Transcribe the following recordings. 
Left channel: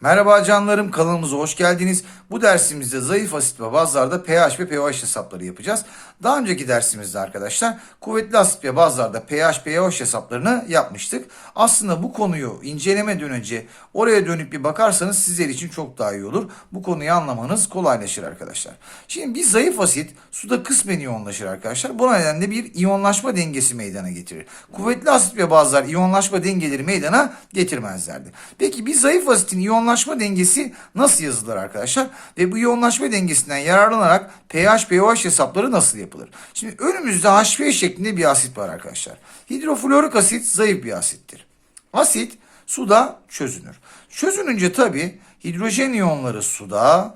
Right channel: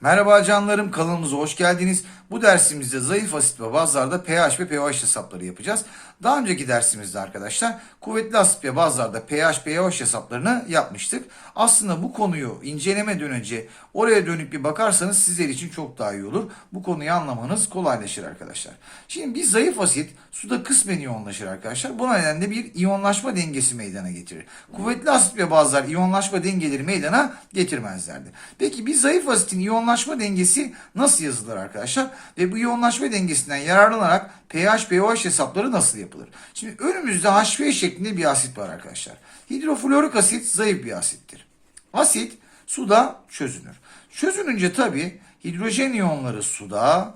Merhaba canlarım kanalımıza hoş geldiniz. Bu dersimizde zayıf asit ve bazlarda pH ve pH hesapları yapacağız. Daha önceki dersimizde arkadaşlar kuvvetli asit ve bazlarda pH pH hesaplarını yapmıştık. Aslında bu konuyu incelemeden önce oraya dönüp bir bakarsanız sizler için çok daha iyi olur. Bu konuyu anlamanız kolaylaşır arkadaşlar. Şimdi bir zayıf asit suda kısmen iyonlaşır arkadaşlar. Bu nedenle bir iyonlaşma dengesi meydana getirir. Kuvvetli asit ve bazlar iyonlaşma dengeleri meydana getirmezlerdi. Peki bir zayıf asitin iyonlaşma dengesi nasıl yazılır arkadaşlar? Ve bu iyonlaşma dengesinden yararlanarak pH pH hesapları nasıl yapılır? Şimdi önümüzde HF şeklinde bir asit var arkadaşlar. Hidroflorik asit zayıf bir asittir. Asit suda çözünür. Çözününce tabi hidrojen iyonları suda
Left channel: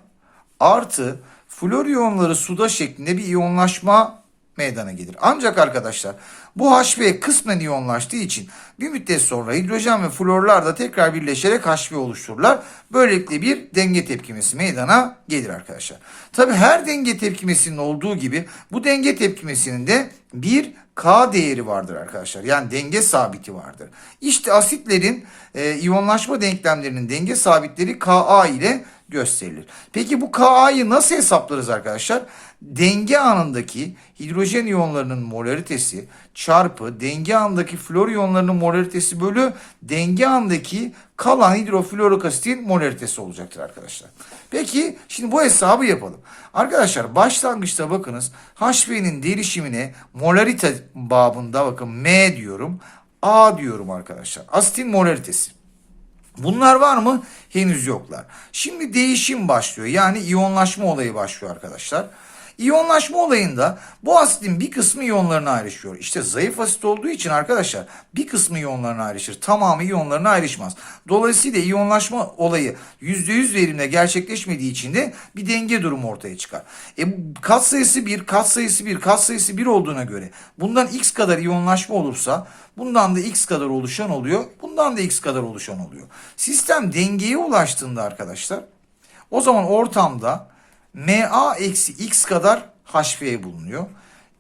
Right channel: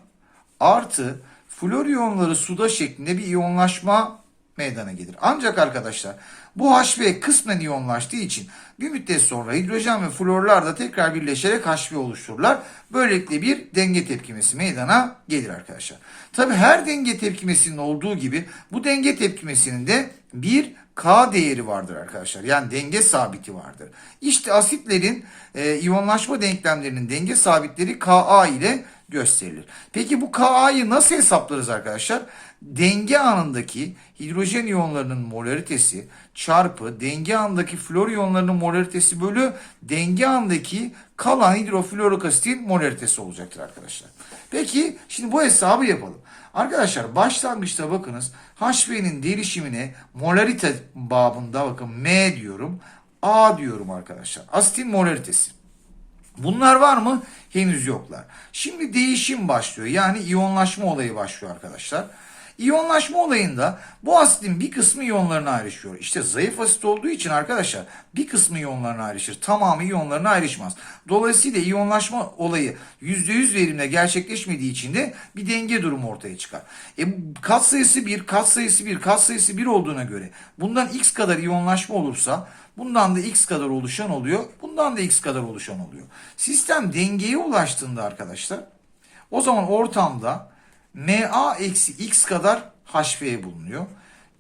artı flor iyonları suda şeklinde bir iyonlaşma meydana gelir. Ancak arkadaşlar bu HB kısmen iyonlaştığı için bir müddet sonra hidrojen ve florlar da tekrar birleşerek HB oluştururlar. Böylelikle bir denge tepkimesi meydana gelir arkadaşlar. Tabi her denge tepkimesinin olduğu gibi bu denge tepkimesinin de bir K değeri vardır arkadaşlar. Yani denge sabiti vardır. İşte asitlerin e, iyonlaşma denklemlerinin denge sabitleri Ka ile gösterilir. Peki bu Ka'yı nasıl hesaplarız arkadaşlar? Denge anındaki hidrojen iyonlarının molaritesi çarpı denge anındaki flor iyonlarının molaritesi bölü denge andaki kalan hidroflorik asitin molaritesi olacaktır arkadaşlar. Peki şimdi bu hesabı yapalım. Arkadaşlar başlangıçta bakınız HB'nin derişimine molarite babında bakın M diyorum. A diyorum arkadaşlar. Asitin molaritesi. Bunlar var mı? Henüz yoklar. Şimdi değişim başlıyor. Yani iyonlaşma olayı başlıyor arkadaşlar. İyonlaşma olayında bu asitin bir kısmı iyonlarına ayrışıyor. İşte zayıf asit olduğu için arkadaşlar bir kısmı iyonlarına ayrışır. Tamamı iyonlarına ayrışmaz. Dolayısıyla iyonlaşma olayı %100 verimle gerçekleşmediği için de bir denge durumu ortaya çıkar. E, kat sayısı 1, kat sayısı 1, kat sayısı 1 olduğuna göre bundan x kadar iyonlaşma olursa Bundan da x kadar oluşan oluyor. Bundan da x kadar oluşan oluyor. Sistem dengeye ulaştığında arkadaşlar o zaman ortamda Ma eksi x kadar HF bulunuyor.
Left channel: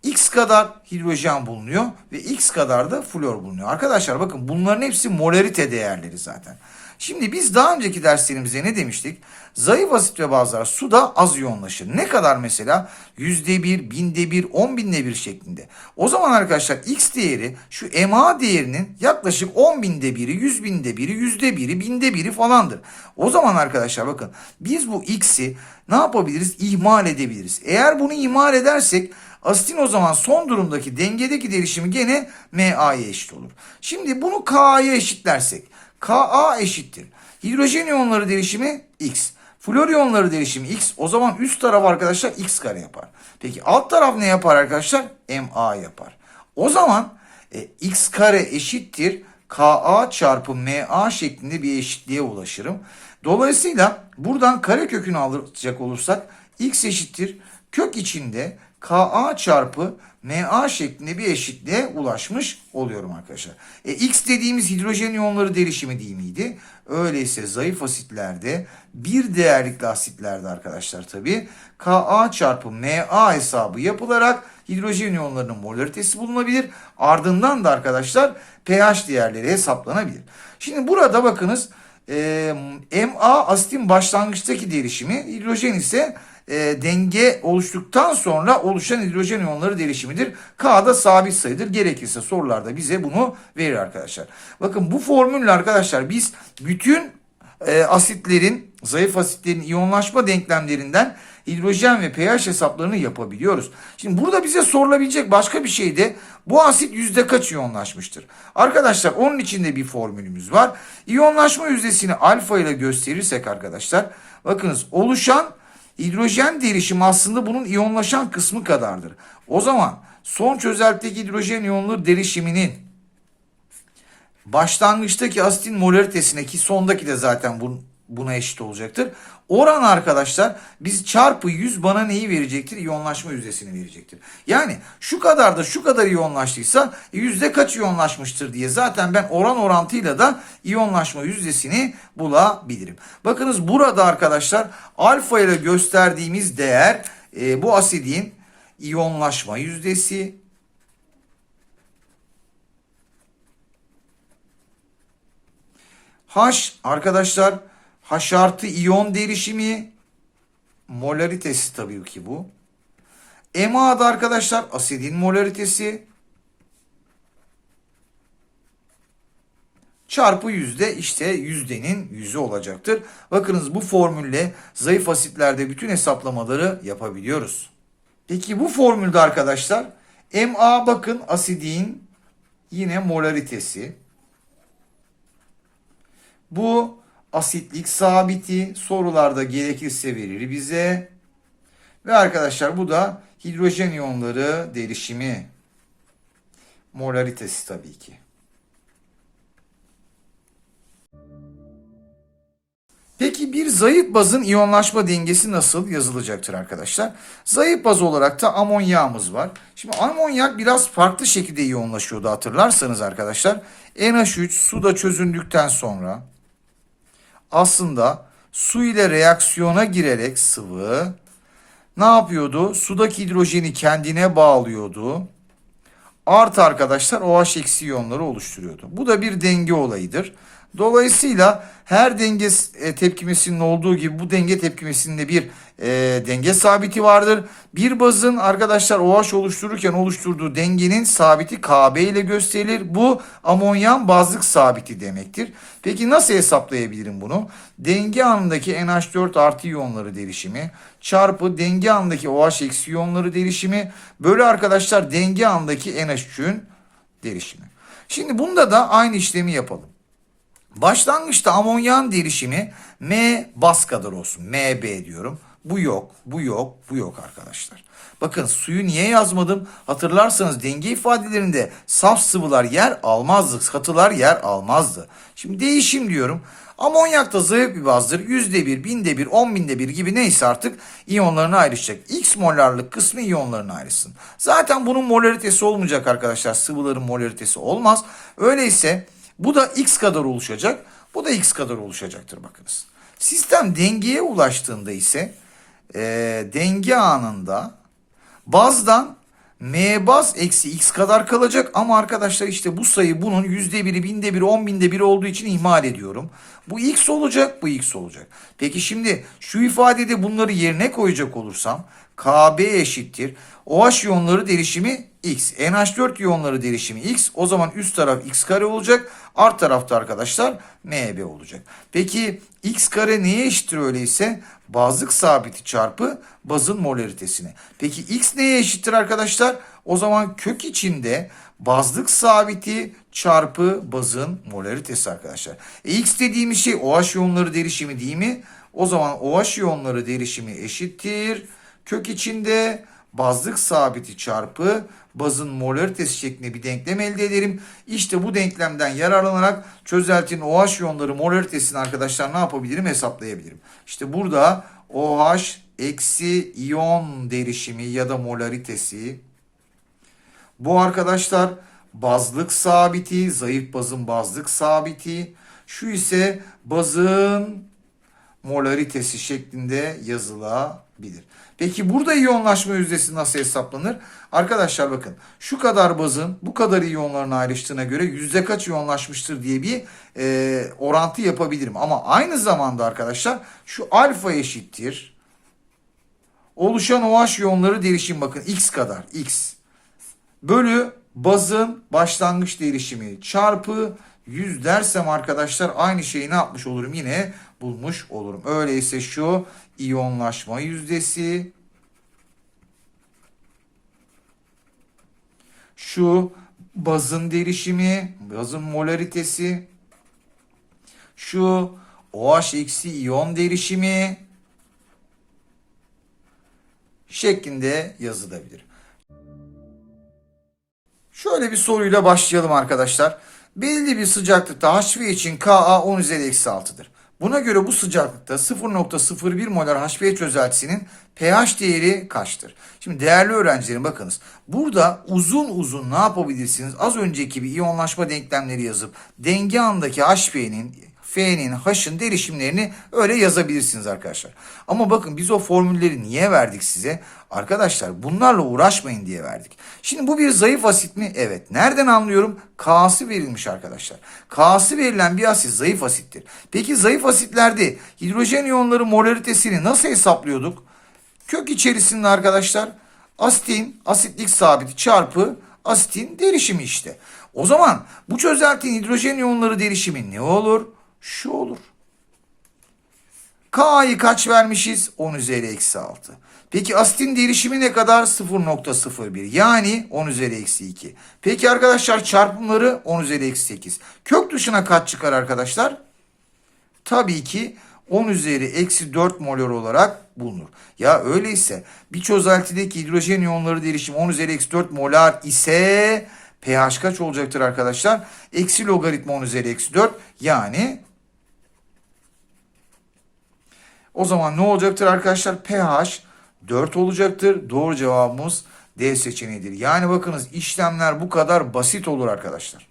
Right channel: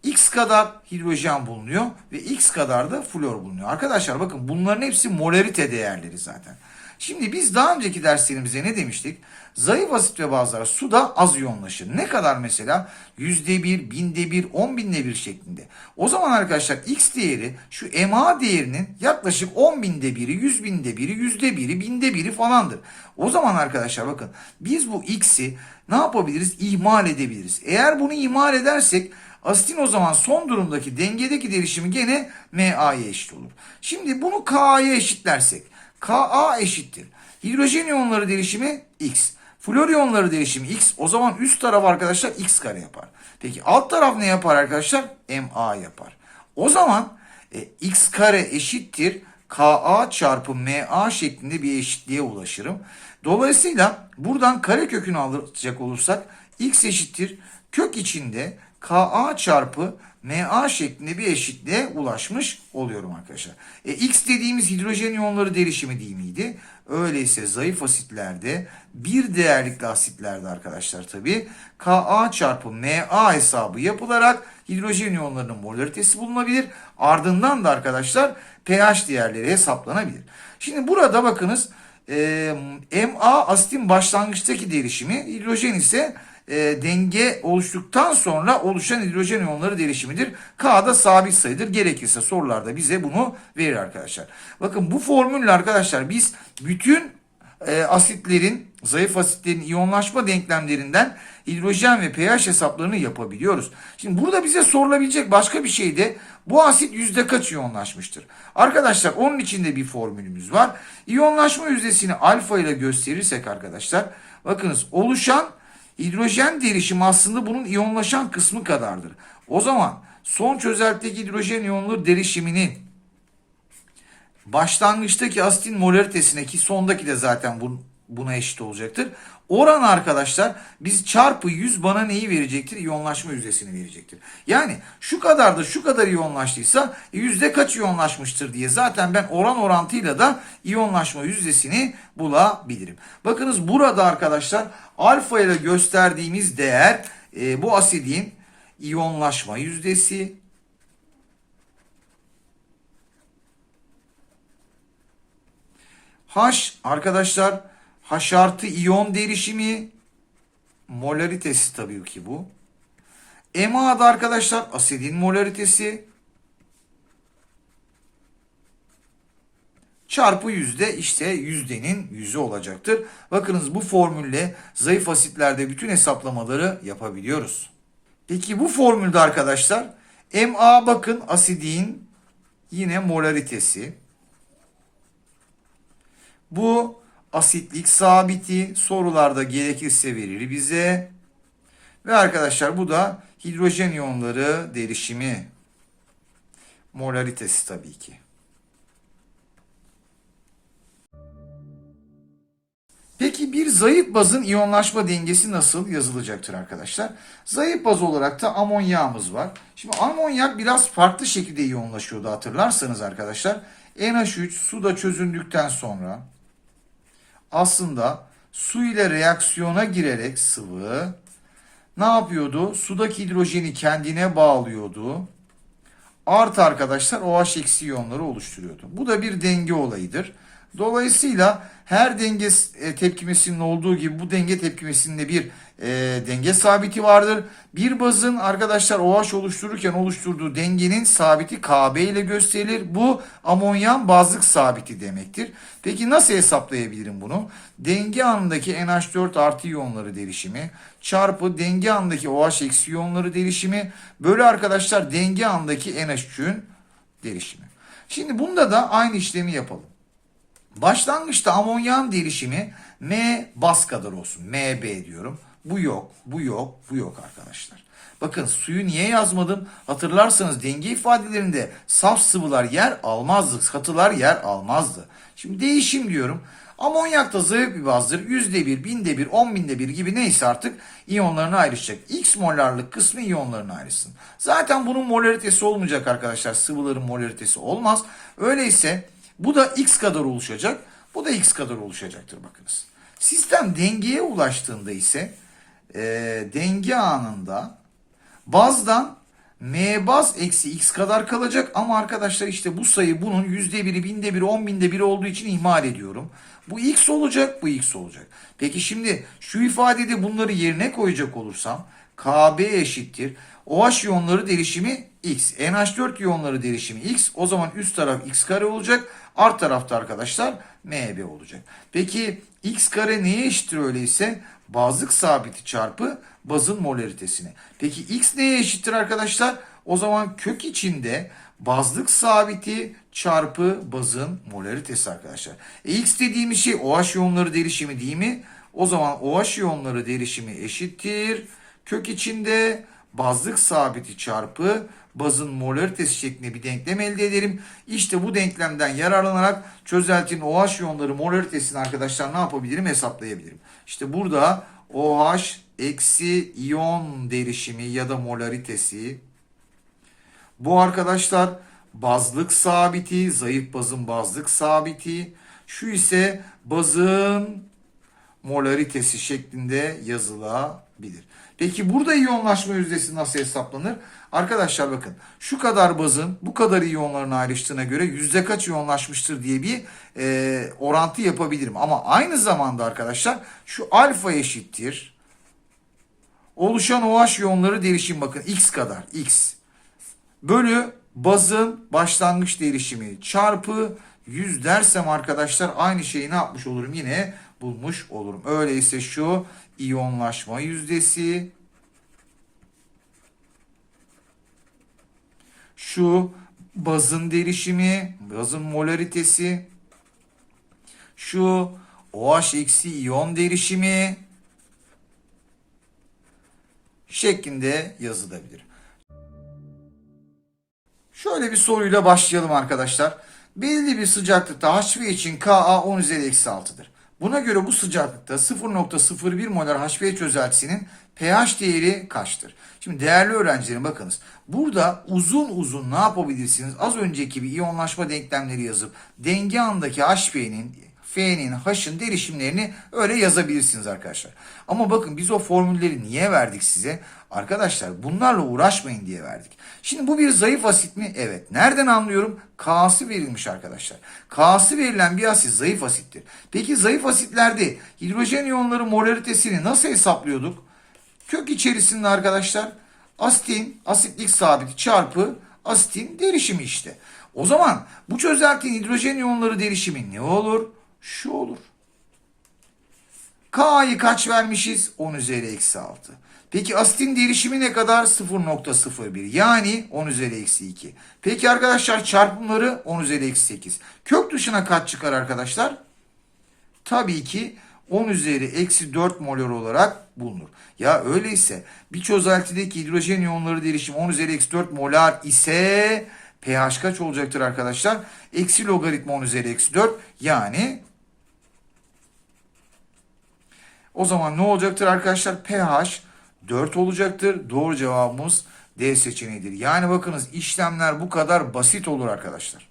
X kadar hidrojen bulunuyor ve X kadar da flor bulunuyor. Arkadaşlar bakın bunların hepsi molarite değerleri zaten. Şimdi biz daha önceki derslerimizde ne demiştik? Zayıf asit ve bazlar suda az iyonlaşır. Ne kadar mesela? Yüzde bir, binde bir, on binde bir şeklinde. O zaman arkadaşlar X değeri şu MA değerinin yaklaşık on binde biri, yüz binde biri, yüzde biri, binde biri falandır. O zaman arkadaşlar bakın biz bu X'i ne yapabiliriz? İhmal edebiliriz. Eğer bunu ihmal edersek Asitin o zaman son durumdaki dengedeki değişimi gene MA'ya eşit olur. Şimdi bunu K'ya eşitlersek Ka eşittir. Hidrojen iyonları değişimi X. Flor iyonları değişimi X. O zaman üst taraf arkadaşlar X kare yapar. Peki alt taraf ne yapar arkadaşlar? MA yapar. O zaman e, X kare eşittir. Ka çarpı MA şeklinde bir eşitliğe ulaşırım. Dolayısıyla buradan kare kökünü alacak olursak X eşittir. Kök içinde Ka çarpı Ma şeklinde bir eşitliğe ulaşmış oluyorum arkadaşlar. E, X dediğimiz hidrojen iyonları derişimi değil miydi? Öyleyse zayıf asitlerde bir değerlikli asitlerde arkadaşlar tabi Ka çarpı Ma hesabı yapılarak hidrojen iyonlarının molaritesi bulunabilir. Ardından da arkadaşlar pH değerleri hesaplanabilir. Şimdi burada bakınız e, Ma asitin başlangıçtaki derişimi hidrojen ise e, denge oluştuktan sonra oluşan hidrojen iyonları derişimidir. K da sabit sayıdır. Gerekirse sorularda bize bunu verir arkadaşlar. Bakın bu formülle arkadaşlar biz bütün e, asitlerin, zayıf asitlerin iyonlaşma denklemlerinden hidrojen ve pH hesaplarını yapabiliyoruz. Şimdi burada bize sorulabilecek başka bir şey de bu asit yüzde kaç iyonlaşmıştır? Arkadaşlar onun içinde bir formülümüz var. İyonlaşma yüzdesini alfa ile gösterirsek arkadaşlar bakınız oluşan Hidrojen derişimi aslında bunun iyonlaşan kısmı kadardır. O zaman son çözeltideki hidrojen iyonları derişiminin başlangıçtaki asitin molaritesine ki sondaki de zaten buna eşit olacaktır. Oran arkadaşlar biz çarpı 100 bana neyi verecektir? İyonlaşma yüzdesini verecektir. Yani şu kadar da şu kadar iyonlaştıysa yüzde kaç iyonlaşmıştır diye zaten ben oran orantıyla da iyonlaşma yüzdesini bulabilirim. Bakınız burada arkadaşlar alfa ile gösterdiğimiz değer e, bu asidin iyonlaşma yüzdesi H arkadaşlar H artı iyon derişimi molaritesi tabii ki bu. MA'da arkadaşlar asidin molaritesi çarpı yüzde işte yüzdenin yüzü olacaktır. Bakınız bu formülle zayıf asitlerde bütün hesaplamaları yapabiliyoruz. Peki bu formülde arkadaşlar MA bakın asidin yine molaritesi. Bu asitlik sabiti sorularda gerekirse verir bize. Ve arkadaşlar bu da hidrojen iyonları derişimi molaritesi tabii ki. Peki bir zayıf bazın iyonlaşma dengesi nasıl yazılacaktır arkadaşlar? Zayıf baz olarak da amonyağımız var. Şimdi amonyak biraz farklı şekilde iyonlaşıyordu hatırlarsanız arkadaşlar. NH3 suda çözündükten sonra aslında su ile reaksiyona girerek sıvı ne yapıyordu? Sudaki hidrojeni kendine bağlıyordu. Artı arkadaşlar OH eksi iyonları oluşturuyordu. Bu da bir denge olayıdır. Dolayısıyla her denge e, tepkimesinin olduğu gibi bu denge tepkimesinde bir e, denge sabiti vardır. Bir bazın arkadaşlar OH oluştururken oluşturduğu dengenin sabiti KB ile gösterilir. Bu amonyan bazlık sabiti demektir. Peki nasıl hesaplayabilirim bunu? Denge anındaki NH4 artı iyonları derişimi çarpı denge andaki OH eksi iyonları derişimi bölü arkadaşlar denge andaki NH3'ün derişimi. Şimdi bunda da aynı işlemi yapalım. Başlangıçta amonyan derişimi M bas kadar olsun. MB diyorum. Bu yok, bu yok, bu yok arkadaşlar. Bakın suyu niye yazmadım? Hatırlarsanız denge ifadelerinde saf sıvılar yer almazdı, katılar yer almazdı. Şimdi değişim diyorum. Amonyak da zayıf bir bazdır. Yüzde bir, binde bir, on binde bir gibi neyse artık iyonlarına ayrışacak. X molarlık kısmı iyonlarına ayrışsın. Zaten bunun molaritesi olmayacak arkadaşlar. Sıvıların molaritesi olmaz. Öyleyse bu da X kadar oluşacak. Bu da X kadar oluşacaktır bakınız. Sistem dengeye ulaştığında ise e, denge anında bazdan M baz eksi X kadar kalacak ama arkadaşlar işte bu sayı bunun yüzde biri, binde biri, on binde biri olduğu için ihmal ediyorum. Bu X olacak, bu X olacak. Peki şimdi şu ifadede bunları yerine koyacak olursam KB eşittir. OH iyonları derişimi X. NH4 iyonları derişimi X. O zaman üst taraf X kare olacak. Alt tarafta arkadaşlar MB olacak. Peki X kare neye eşittir öyleyse? Bazlık sabiti çarpı bazın molaritesine. Peki X neye eşittir arkadaşlar? O zaman kök içinde bazlık sabiti çarpı bazın molaritesi arkadaşlar. E, X dediğimiz şey OH iyonları derişimi değil mi? O zaman OH iyonları derişimi eşittir. Kök içinde bazlık sabiti çarpı bazın molaritesi şeklinde bir denklem elde ederim. İşte bu denklemden yararlanarak çözeltinin OH iyonları molaritesini arkadaşlar ne yapabilirim hesaplayabilirim. İşte burada OH eksi iyon derişimi ya da molaritesi bu arkadaşlar bazlık sabiti, zayıf bazın bazlık sabiti. Şu ise bazın molaritesi şeklinde yazılabilir. Peki burada iyonlaşma yüzdesi nasıl hesaplanır? Arkadaşlar bakın şu kadar bazın bu kadar iyonların ayrıştığına göre yüzde kaç iyonlaşmıştır diye bir e, orantı yapabilirim. Ama aynı zamanda arkadaşlar şu alfa eşittir. Oluşan OH iyonları derişim bakın x kadar x bölü bazın başlangıç derişimi çarpı 100 dersem arkadaşlar aynı şeyi ne yapmış olurum yine bulmuş olurum. Öyleyse şu iyonlaşma yüzdesi şu bazın derişimi, bazın molaritesi şu OH eksi iyon derişimi şeklinde yazılabilir. Şöyle bir soruyla başlayalım arkadaşlar. Belli bir sıcaklıkta HV için Ka 10 üzeri eksi 6'dır. Buna göre bu sıcaklıkta 0.01 molar HV çözeltisinin pH değeri kaçtır? Şimdi değerli öğrencilerim bakınız. Burada uzun uzun ne yapabilirsiniz? Az önceki bir iyonlaşma denklemleri yazıp denge andaki HV'nin F'nin, H'ın derişimlerini öyle yazabilirsiniz arkadaşlar. Ama bakın biz o formülleri niye verdik size? Arkadaşlar bunlarla uğraşmayın diye verdik. Şimdi bu bir zayıf asit mi? Evet. Nereden anlıyorum? K'sı verilmiş arkadaşlar. K'sı verilen bir asit zayıf asittir. Peki zayıf asitlerde hidrojen iyonları molaritesini nasıl hesaplıyorduk? Kök içerisinde arkadaşlar asitin asitlik sabiti çarpı asitin derişimi işte. O zaman bu çözeltinin hidrojen iyonları derişimi ne olur? Şu olur. K'yı kaç vermişiz? 10 üzeri eksi 6. Peki asitin derişimi ne kadar? 0.01 yani 10 üzeri eksi 2. Peki arkadaşlar çarpımları 10 üzeri eksi 8. Kök dışına kaç çıkar arkadaşlar? Tabii ki 10 üzeri eksi 4 molor olarak bulunur. Ya öyleyse bir çözeltideki hidrojen iyonları derişimi 10 üzeri eksi 4 molar ise pH kaç olacaktır arkadaşlar? Eksi logaritma 10 üzeri eksi 4 yani o zaman ne olacaktır arkadaşlar? pH 4 olacaktır. Doğru cevabımız D seçeneğidir. Yani bakınız işlemler bu kadar basit olur arkadaşlar.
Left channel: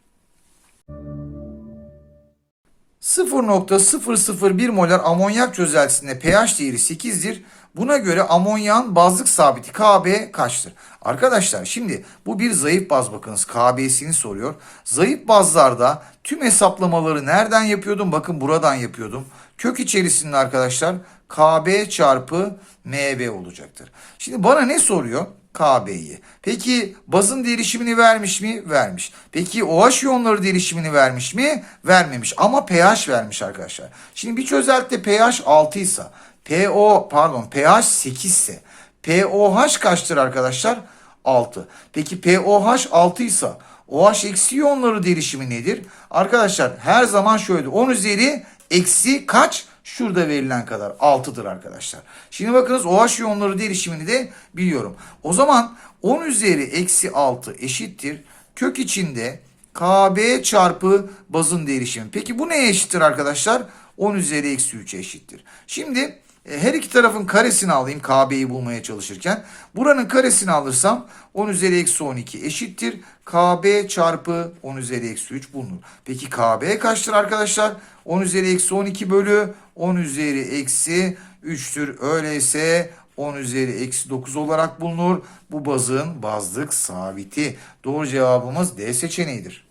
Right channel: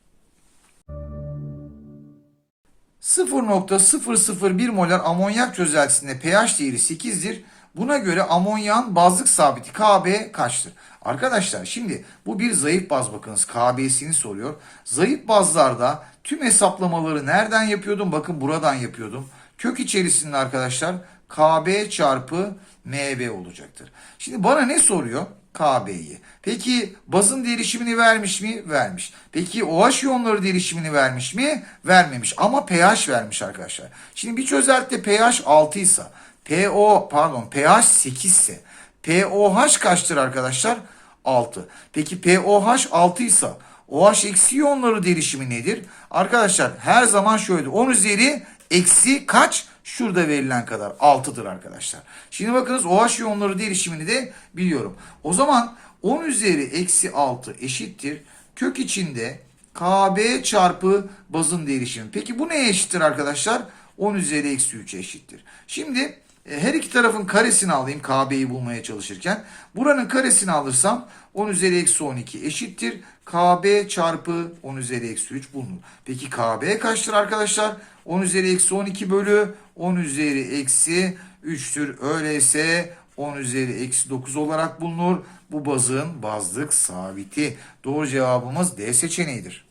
0.001 molar amonyak çözeltisinde pH değeri 8'dir. Buna göre amonyan bazlık sabiti Kb kaçtır? Arkadaşlar şimdi bu bir zayıf baz bakınız Kb'sini soruyor. Zayıf bazlarda tüm hesaplamaları nereden yapıyordum? Bakın buradan yapıyordum. Kök içerisinde arkadaşlar Kb çarpı Mv olacaktır. Şimdi bana ne soruyor? KB'yi. Peki bazın derişimini vermiş mi? Vermiş. Peki OH iyonları derişimini vermiş mi? Vermemiş. Ama pH vermiş arkadaşlar. Şimdi bir çözeltide pH 6 ise PO pardon pH 8 ise POH kaçtır arkadaşlar? 6. Peki POH 6 ise OH eksi iyonları derişimi nedir? Arkadaşlar her zaman şöyle 10 üzeri eksi kaç? Şurada verilen kadar 6'dır arkadaşlar. Şimdi bakınız OH iyonları derişimini de biliyorum. O zaman 10 üzeri eksi 6 eşittir. Kök içinde KB çarpı bazın derişimi. Peki bu neye eşittir arkadaşlar? 10 üzeri eksi 3 eşittir. Şimdi e, her iki tarafın karesini alayım KB'yi bulmaya çalışırken. Buranın karesini alırsam 10 üzeri eksi 12 eşittir. KB çarpı 10 üzeri eksi 3 bulunur. Peki KB kaçtır arkadaşlar? 10 üzeri eksi 12 bölü 10 üzeri eksi 3'tür. Öyleyse 10 üzeri eksi 9 olarak bulunur. Bu bazın bazlık sabiti. Doğru cevabımız D seçeneğidir.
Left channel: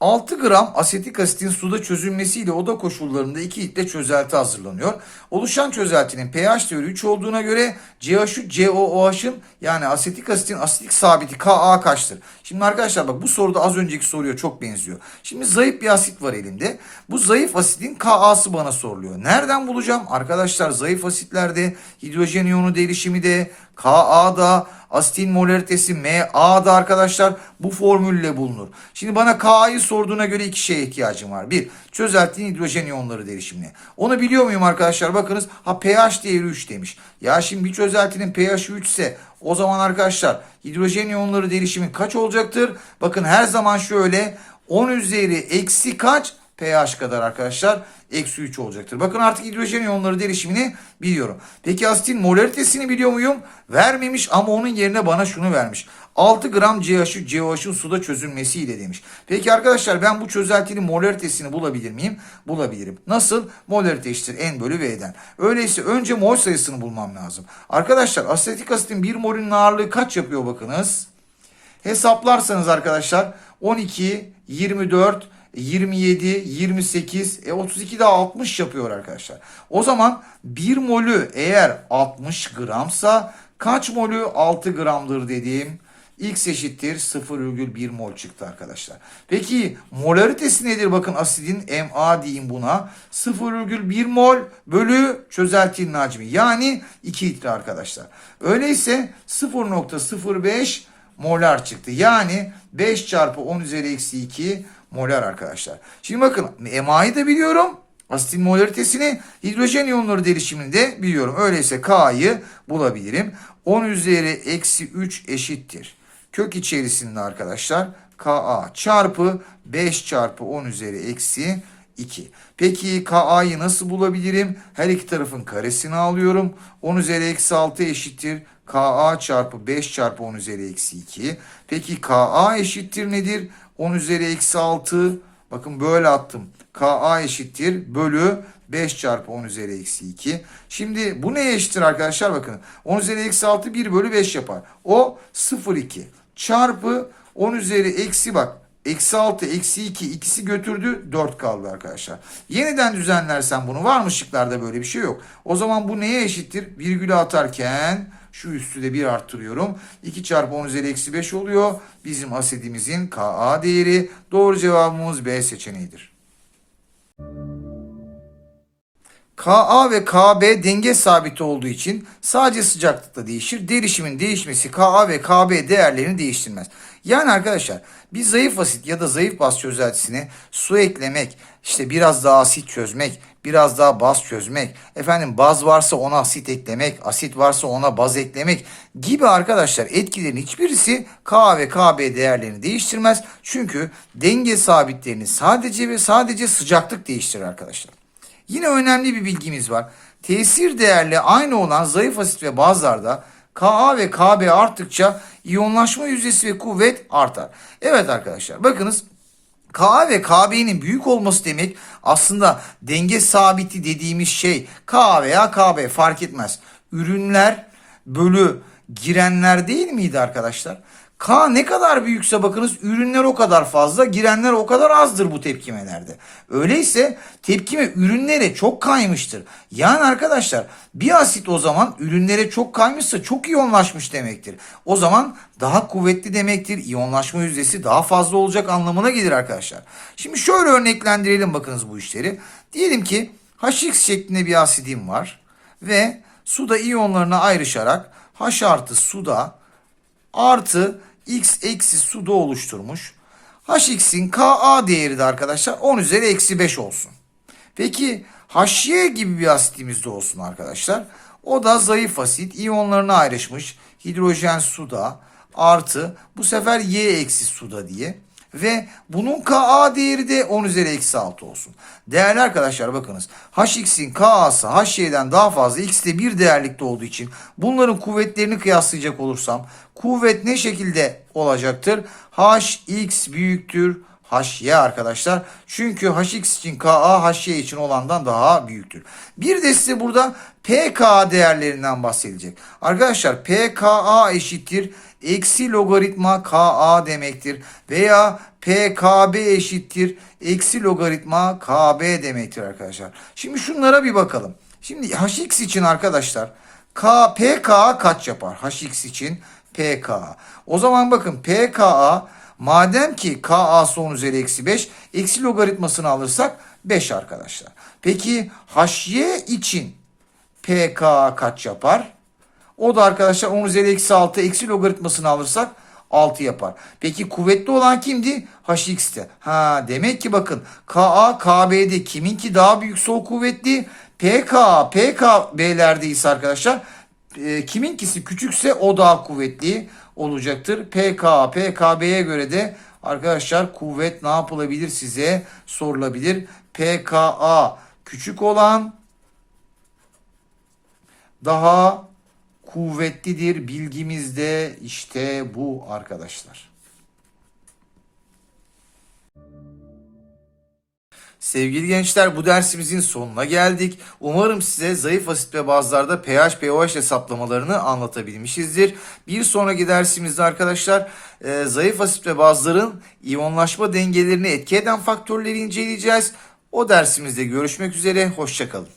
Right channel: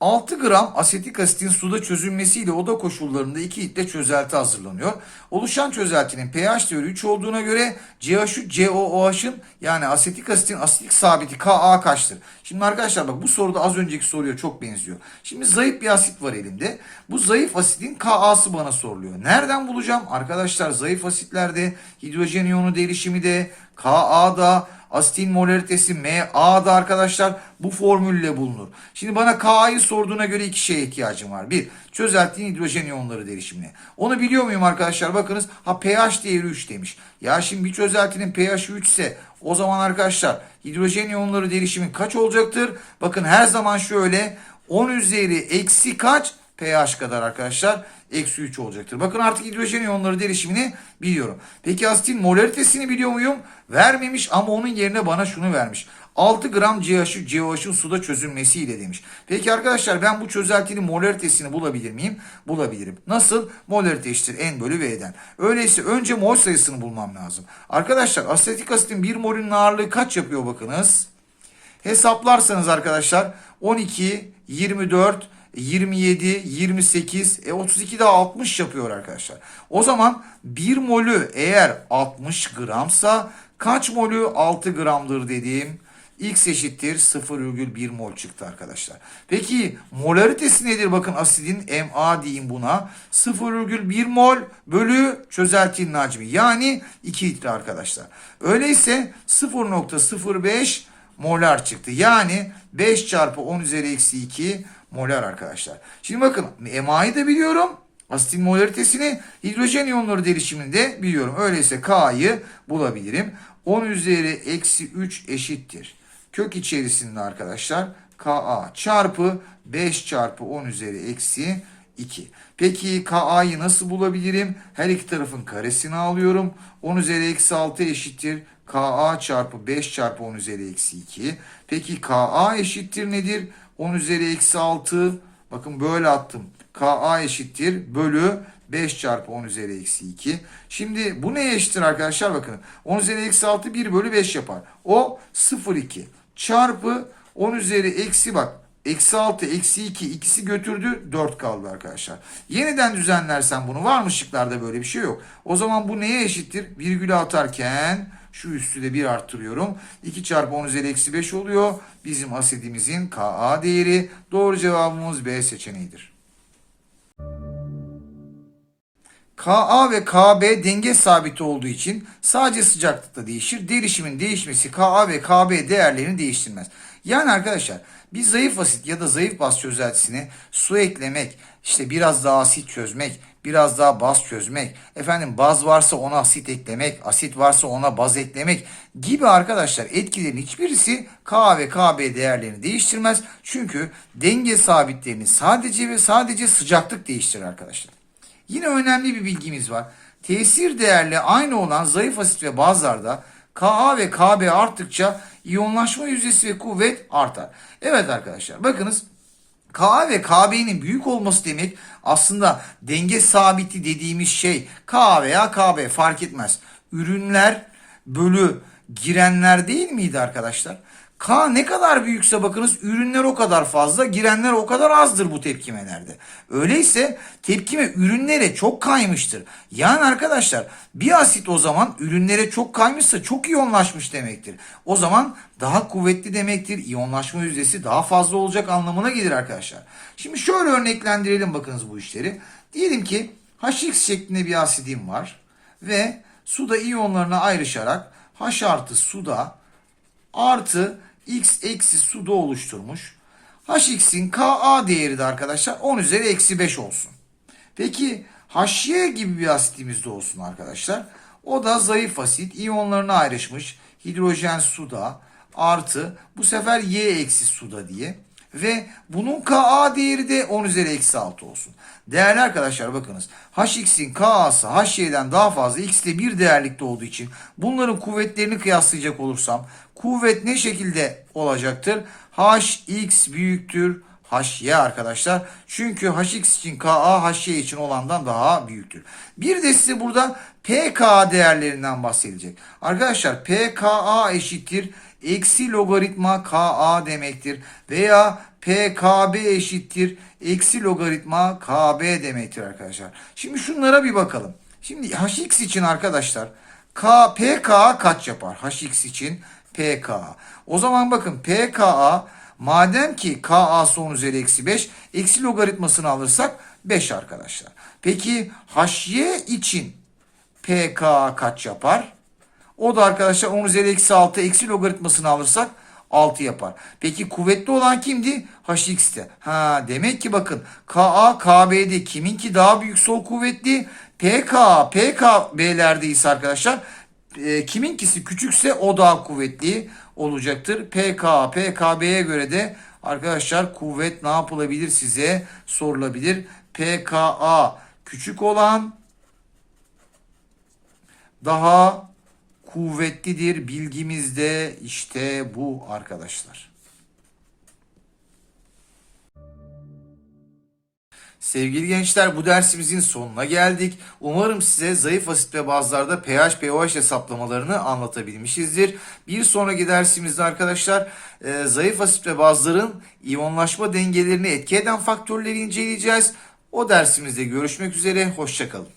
6 gram asetik asitin suda çözülmesiyle oda koşullarında 2 litre çözelti hazırlanıyor. Oluşan çözeltinin pH değeri 3 olduğuna göre CH3 COOH'ın yani asetik asitin asitlik sabiti Ka kaçtır? Şimdi arkadaşlar bak bu soruda az önceki soruya çok benziyor. Şimdi zayıf bir asit var elimde. Bu zayıf asitin Ka'sı bana soruluyor. Nereden bulacağım? Arkadaşlar zayıf asitlerde hidrojen iyonu derişimi de Ka'da Asitin molaritesi MA'da arkadaşlar bu formülle bulunur. Şimdi bana K'yı sorduğuna göre iki şeye ihtiyacım var. Bir, çözeltinin hidrojen iyonları derişimini. Onu biliyor muyum arkadaşlar? Bakınız ha pH değeri 3 demiş. Ya şimdi bir çözeltinin pH 3 ise o zaman arkadaşlar hidrojen iyonları derişimi kaç olacaktır? Bakın her zaman şöyle 10 üzeri eksi kaç? pH kadar arkadaşlar eksi 3 olacaktır. Bakın artık hidrojen iyonları derişimini biliyorum. Peki asitin molaritesini biliyor muyum? Vermemiş ama onun yerine bana şunu vermiş. 6 gram CH3 COH'un suda çözülmesiyle demiş. Peki arkadaşlar ben bu çözeltinin molaritesini bulabilir miyim? Bulabilirim. Nasıl? Molarite eşittir N bölü V'den. Öyleyse önce mol sayısını bulmam lazım. Arkadaşlar asetik asitin 1 molünün ağırlığı kaç yapıyor bakınız. Hesaplarsanız arkadaşlar 12, 24, 27, 28, e 32 daha 60 yapıyor arkadaşlar. O zaman 1 molü eğer 60 gramsa kaç molü 6 gramdır dediğim X eşittir 0,1 mol çıktı arkadaşlar. Peki molaritesi nedir? Bakın asidin MA diyeyim buna. 0,1 mol bölü çözeltinin hacmi. Yani 2 litre arkadaşlar. Öyleyse 0,05 molar çıktı. Yani 5 çarpı 10 üzeri eksi 2 molar arkadaşlar. Şimdi bakın MA'yı da biliyorum. Asitin molaritesini hidrojen iyonları derişimini de biliyorum. Öyleyse K'yı bulabilirim. 10 üzeri eksi 3 eşittir. Kök içerisinde arkadaşlar Ka çarpı 5 çarpı 10 üzeri eksi 2. Peki Ka'yı nasıl bulabilirim? Her iki tarafın karesini alıyorum. 10 üzeri eksi 6 eşittir. Ka çarpı 5 çarpı 10 üzeri eksi 2. Peki Ka eşittir nedir? 10 üzeri eksi 6 Bakın böyle attım. Ka eşittir bölü 5 çarpı 10 üzeri eksi 2. Şimdi bu neye eşittir arkadaşlar? Bakın 10 üzeri eksi 6 1 bölü 5 yapar. O 0,2 çarpı 10 üzeri eksi bak. Eksi 6, eksi 2 ikisi götürdü 4 kaldı arkadaşlar. Yeniden düzenlersen bunu var mı şıklarda böyle bir şey yok. O zaman bu neye eşittir? Virgülü atarken şu üstü de 1 arttırıyorum. 2 çarpı 10 üzeri eksi 5 oluyor. Bizim asidimizin Ka değeri. Doğru cevabımız B seçeneğidir. Ka ve Kb denge sabiti olduğu için sadece sıcaklıkta değişir. Derişimin değişmesi Ka ve Kb değerlerini değiştirmez. Yani arkadaşlar bir zayıf asit ya da zayıf baz çözeltisine su eklemek, işte biraz daha asit çözmek, biraz daha baz çözmek, efendim baz varsa ona asit eklemek, asit varsa ona baz eklemek gibi arkadaşlar etkilerin hiçbirisi K ve Kb değerlerini değiştirmez. Çünkü denge sabitlerini sadece ve sadece sıcaklık değiştirir arkadaşlar. Yine önemli bir bilgimiz var. Tesir değerli aynı olan zayıf asit ve bazlarda Ka ve Kb arttıkça iyonlaşma yüzdesi ve kuvvet artar. Evet arkadaşlar bakınız Ka ve Kb'nin büyük olması demek aslında denge sabiti dediğimiz şey K veya Kb fark etmez. Ürünler bölü girenler değil miydi arkadaşlar? K ne kadar büyükse bakınız ürünler o kadar fazla, girenler o kadar azdır bu tepkimelerde. Öyleyse tepkime ürünlere çok kaymıştır. Yani arkadaşlar bir asit o zaman ürünlere çok kaymışsa çok iyonlaşmış demektir. O zaman daha kuvvetli demektir. İyonlaşma yüzdesi daha fazla olacak anlamına gelir arkadaşlar. Şimdi şöyle örneklendirelim bakınız bu işleri. Diyelim ki HX şeklinde bir asidim var ve suda iyonlarına ayrışarak H artı suda artı x eksi suda oluşturmuş. Hx'in Ka değeri de arkadaşlar 10 üzeri eksi 5 olsun. Peki HY gibi bir asitimiz de olsun arkadaşlar. O da zayıf asit iyonlarına ayrışmış. Hidrojen suda artı bu sefer Y eksi suda diye. Ve bunun Ka değeri de 10 üzeri eksi 6 olsun. Değerli arkadaşlar bakınız. Hx'in Ka'sı Hy'den daha fazla X'te bir değerlikte olduğu için bunların kuvvetlerini kıyaslayacak olursam kuvvet ne şekilde olacaktır? Hx büyüktür Hy arkadaşlar. Çünkü Hx için Ka Hy için olandan daha büyüktür. Bir de size burada pK değerlerinden bahsedecek. Arkadaşlar pKa eşittir eksi logaritma Ka demektir. Veya PKB eşittir eksi logaritma KB demektir arkadaşlar. Şimdi şunlara bir bakalım. Şimdi Hx için arkadaşlar K, PKA kaç yapar? Hx için PKA. O zaman bakın PKA madem ki KA son üzeri eksi 5 eksi logaritmasını alırsak 5 arkadaşlar. Peki HY için PKA kaç yapar? O da arkadaşlar 10 üzeri eksi 6 eksi logaritmasını alırsak 6 yapar. Peki kuvvetli olan kimdi? HX'te. Ha demek ki bakın KA KB'de kiminki daha büyük sol kuvvetli? PK PKB'lerde ise arkadaşlar e, kiminkisi küçükse o daha kuvvetli olacaktır. PK PKB'ye göre de arkadaşlar kuvvet ne yapılabilir size sorulabilir. PKA küçük olan daha kuvvetlidir. Bilgimizde işte bu arkadaşlar. Sevgili gençler bu dersimizin sonuna geldik. Umarım size zayıf asit ve bazlarda pH, pOH hesaplamalarını anlatabilmişizdir. Bir sonraki dersimizde arkadaşlar e, zayıf asit ve bazların iyonlaşma dengelerini etki eden faktörleri inceleyeceğiz. O dersimizde görüşmek üzere. Hoşçakalın.